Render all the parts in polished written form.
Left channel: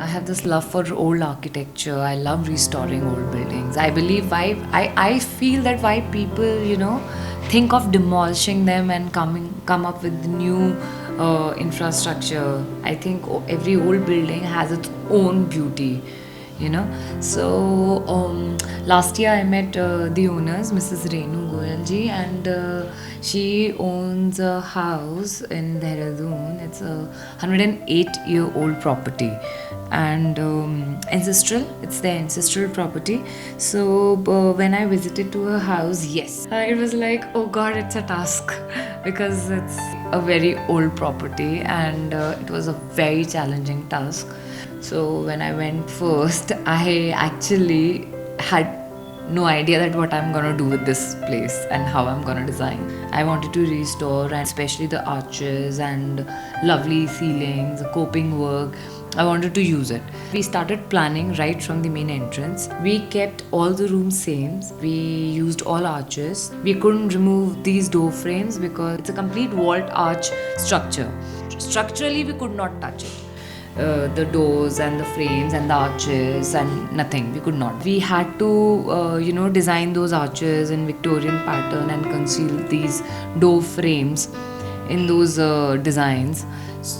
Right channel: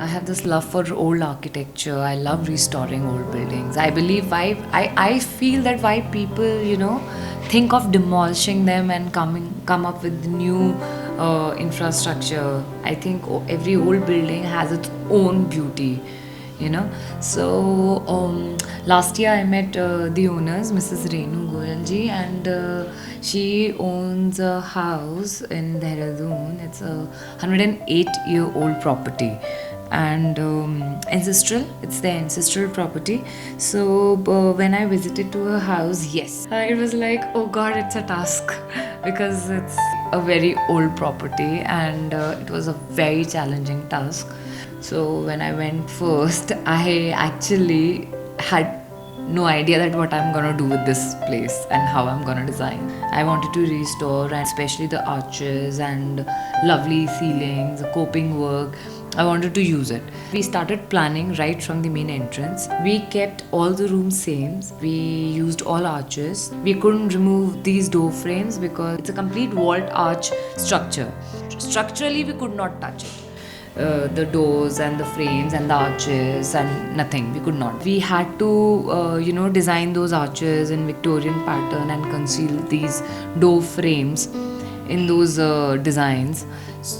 I have this love for old architecture. I love restoring old buildings. I believe I feel that why people, think of demolishing them and come up with new infrastructure. I think every old building has its own beauty, you know. So last year I met the owners, Mrs. Renu Goyalji, and she owns a house in Dehradun. It's a 108-year-old property, and ancestral. It's their ancestral property. So when I visited to her house, yes, it was like, oh god, it's a task because it's a very old property, and it was a very challenging task. So when I went first, I actually had no idea that what I'm gonna do with this place and how I'm gonna design. I wanted to restore, and especially the arches and lovely ceilings, the coping work. I wanted to use it. We started planning right from the main entrance. We kept all the rooms same. We used all arches. We couldn't remove these door frames because it's a complete vault arch structure. Structurally, we could not touch it. The doors and the frames and the arches and nothing, we could not. We had to design those arches in Victorian pattern and conceal these door frames in those designs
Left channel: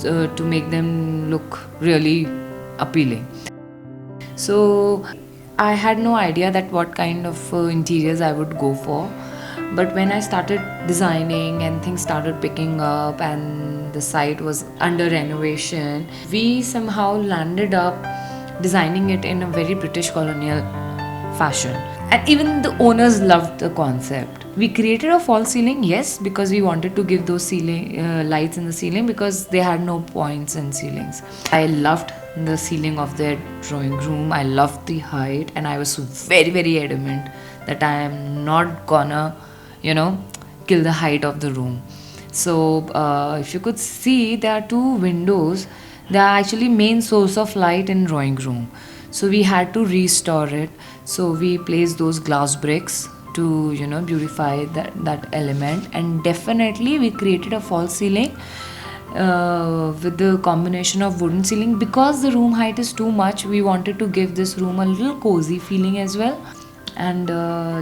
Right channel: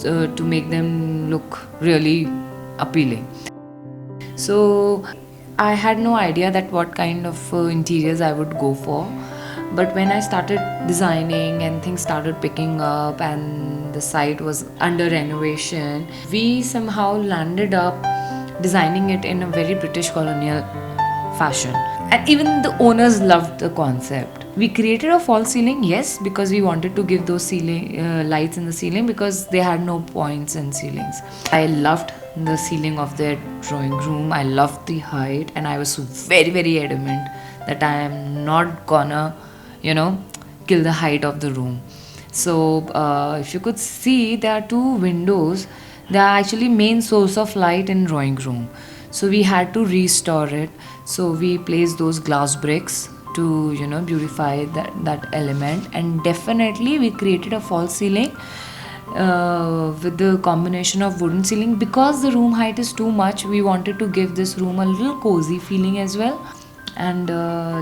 to make them look really appealing. So I had no idea that what kind of interiors I would go for. But when I started designing and things started picking up and the site was under renovation, we somehow landed up designing it in a very British colonial fashion. And even the owners loved the concept. We created a false ceiling, yes, because we wanted to give those ceiling lights in the ceiling because they had no points in ceilings. I loved the ceiling of their drawing room. I loved the height, and I was very, very adamant that I am not gonna kill the height of the room. So if you could see, there are two windows. They are actually main source of light in drawing room. So we had to restore it. So we placed those glass bricks to beautify that element, and definitely we created a false ceiling with the combination of wooden ceiling. Because the room height is too much, we wanted to give this room a little cozy feeling as well. And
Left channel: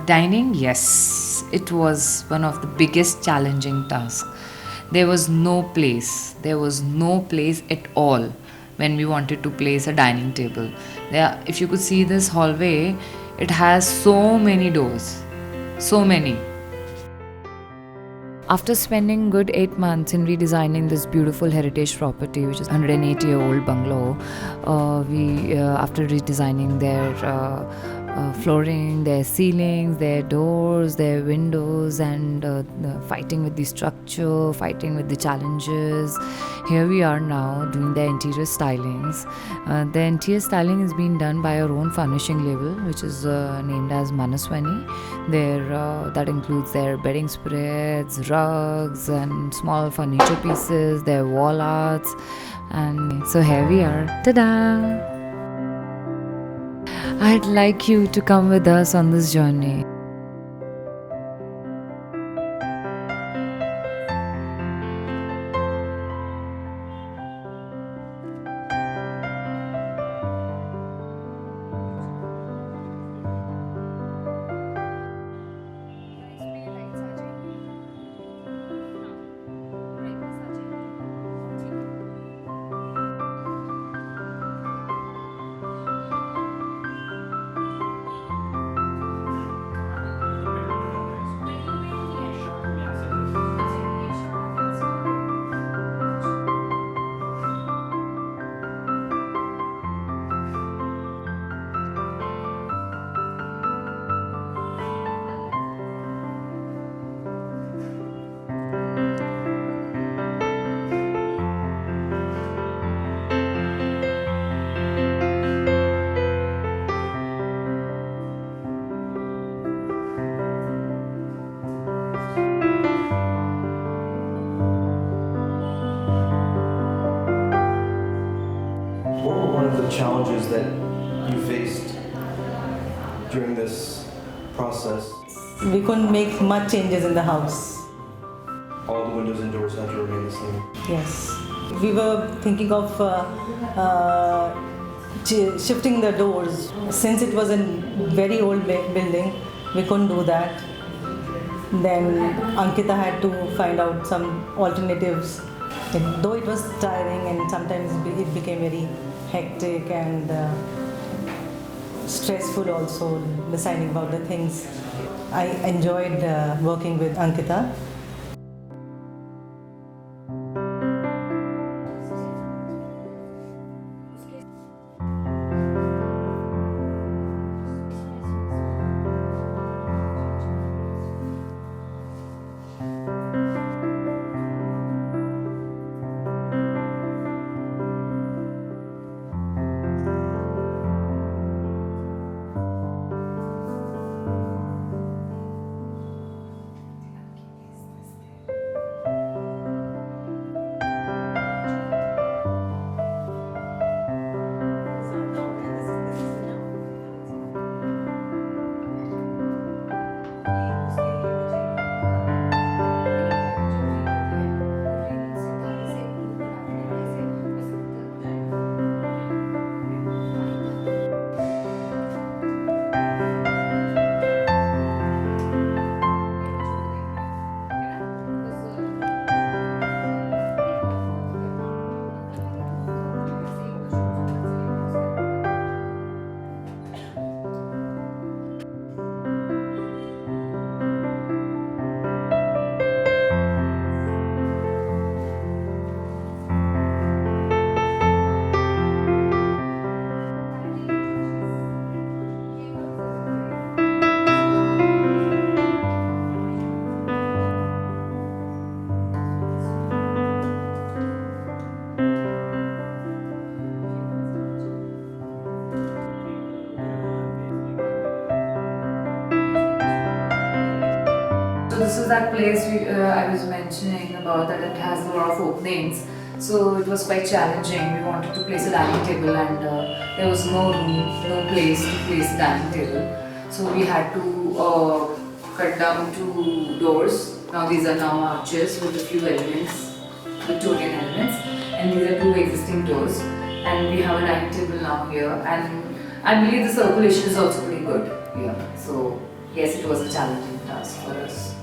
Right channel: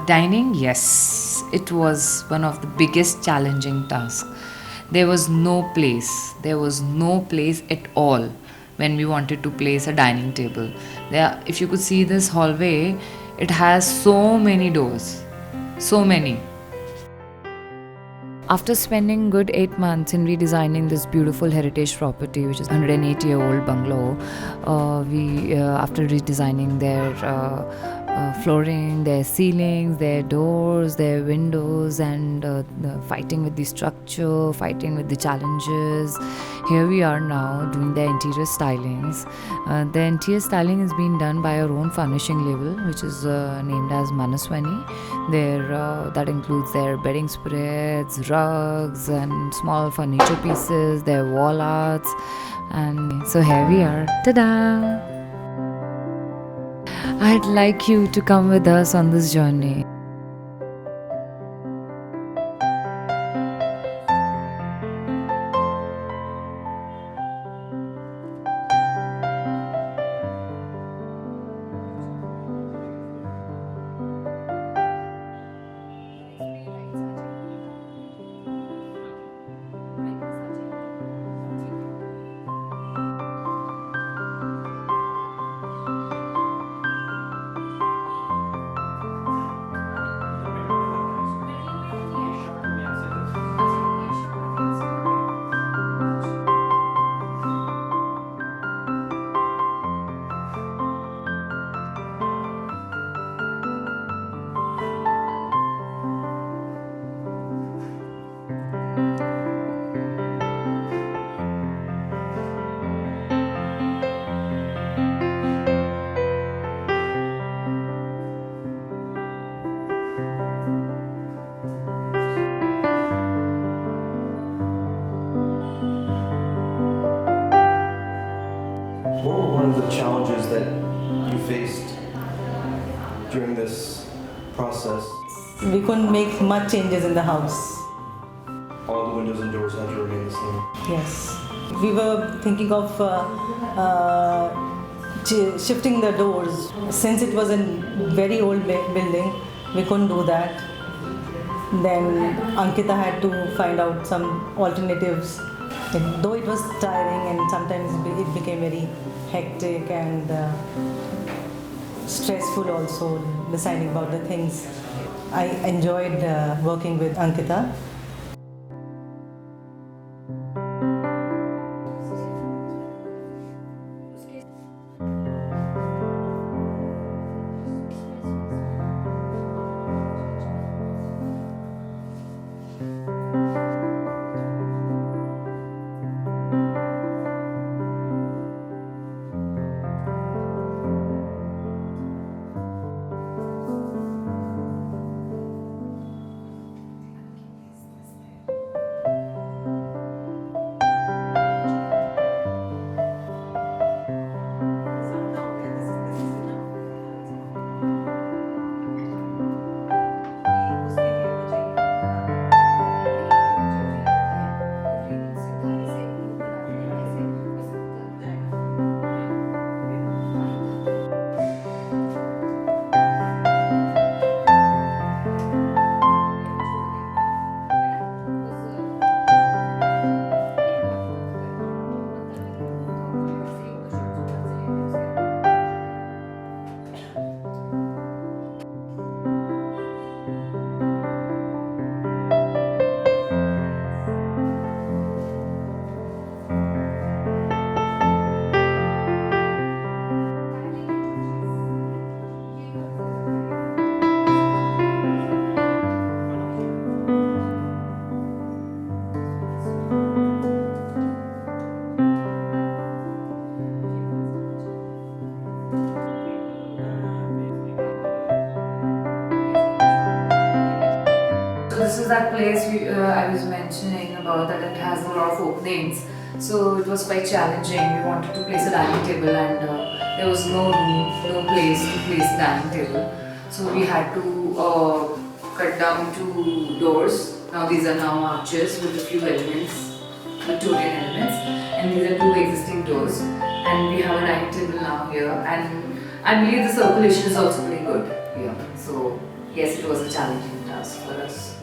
dining, yes, it was one of the biggest challenging tasks. There was no place at all when we wanted to place a dining table. There, if you could see this hallway, it has so many doors, so many. After spending good 8 months in redesigning this beautiful heritage property, which is 108-year-old bungalow, after redesigning their flooring, their ceilings, their doors, their windows, and fighting with the structure, fighting with the challenges. Here we are now doing their interior stylings. The interior styling is being done by our own furnishing label, which is named as Manaswani. That includes their bedding spreads, rugs, and small furniture pieces, their wall arts. And so here we are. Ta-da! I'd like you to come with us on this journey. What were one of the challenges that you faced during this process? We couldn't make much changes in the house. All the windows and doors had to remain the same. Yes. We were thinking of shifting the doors. Since it was a very old building, we couldn't do that. Then Ankita had to find out some alternatives. Though it was tiring and sometimes it became very hectic and stressful also, deciding about the things. I enjoyed working with Ankita. So this is that place I was mentioning about, that it has a lot of openings. So it was quite challenging. We wanted to place a dining table and there was no room, no place to place a dining table. So we had to cut down 2 doors. Now these are now arches with a few elements, Victorian elements, and these are 2 existing doors. And we have a dining table now here, and I believe the circulation is also pretty good here. So yes, it was a challenging task for us.